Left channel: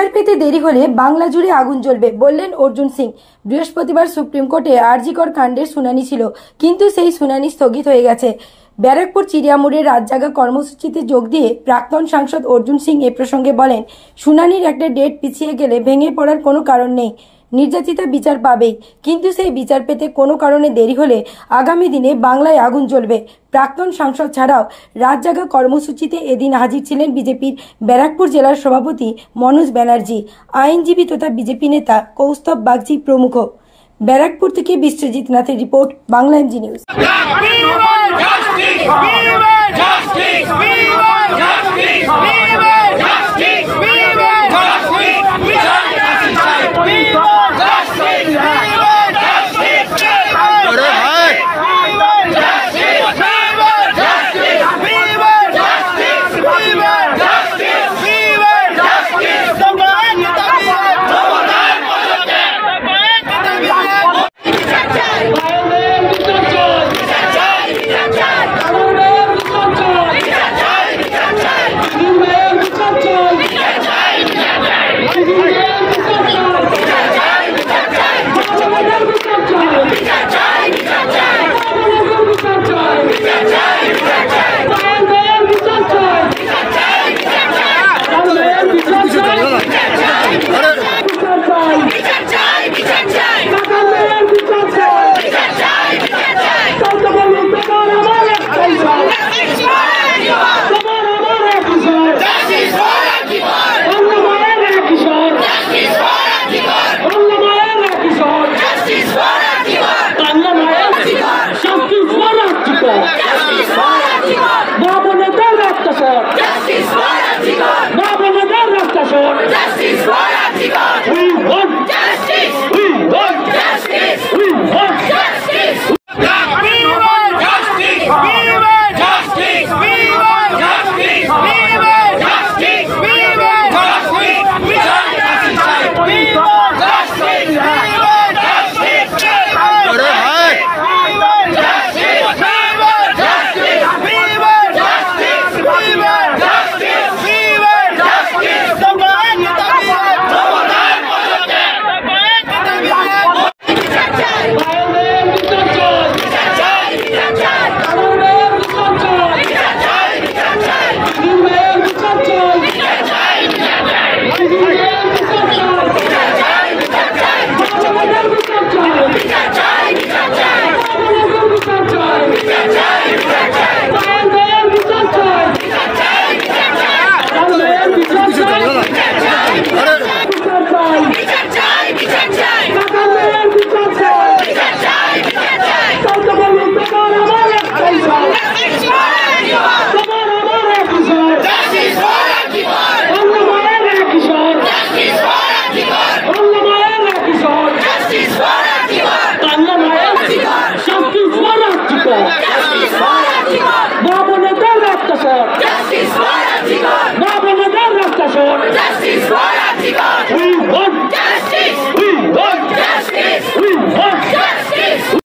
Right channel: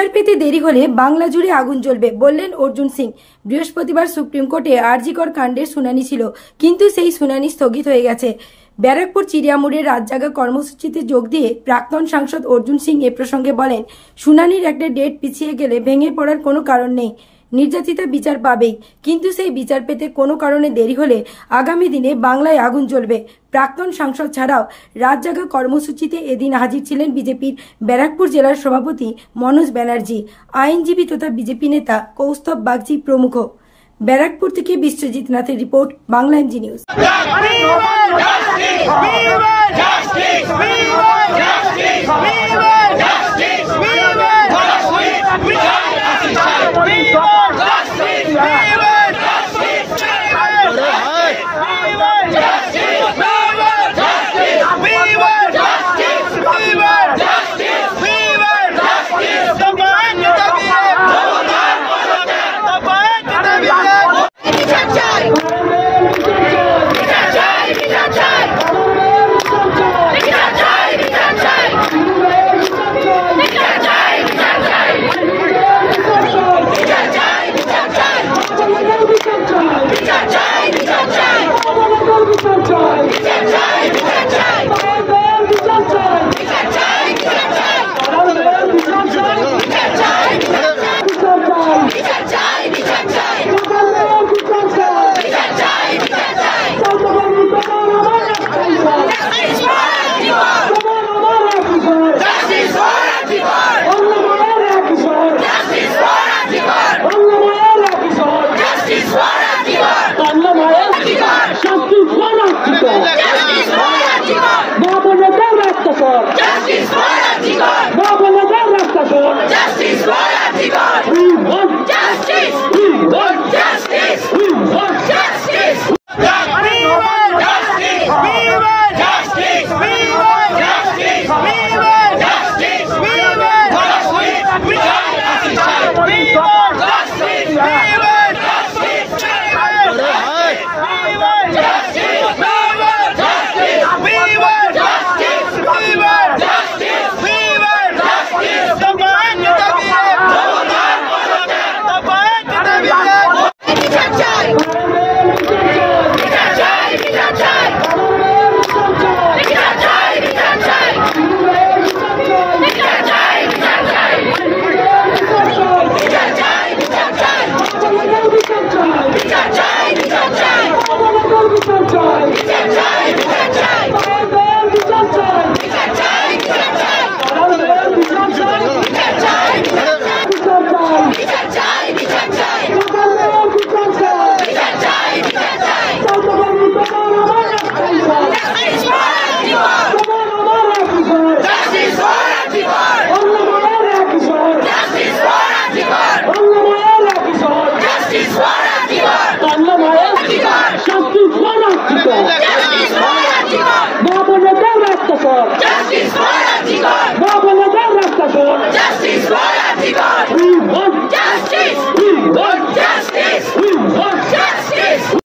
বিচার পেতে দেরি হলে বাংলা জুড়ে আগুন জ্বলবে বললেন অর্জুন সিং। বৃহস্পতিবার সুপ্রিম কোর্টে আরজিকর কাণ্ডের শুনানি ছিল, কিন্তু সেই শুনানি স্থগিত হয়ে গেছে। ব্যারাকপুর চিড়িয়ামোড়ের রাতজাগা কর্মসূচিতে যোগ দিয়ে প্রাক্তন সাংসদ অর্জুন সিং এ প্রসঙ্গে বলেন, শুনানির একটা ডেট পিছিয়ে গেলে ভেঙে পড়ার কোনো কারণ নেই। নির্যাতিতা বিচার পাবেই, কিন্তু সেই বিচার পেতে কোনো কারণে দেরি হলে আগামী দিনে বাংলায় আগুন জ্বলবে। প্রাক্তন সাংসদ ছাড়াও রাতজাগা কর্মসূচিতে এদিন হাজির ছিলেন বিজেপির ব্যারাকপুর জেলার সভাপতি মনোজ ব্যানার্জি, আইনজীবী তথা বিজেপি নেতা কৌস্তব বাগচি প্রমুখ। ব্যারাকপুর থেকে বিশ্বজিৎ নাথের report, Bangla MG news. Justice for Antigone! We want justice!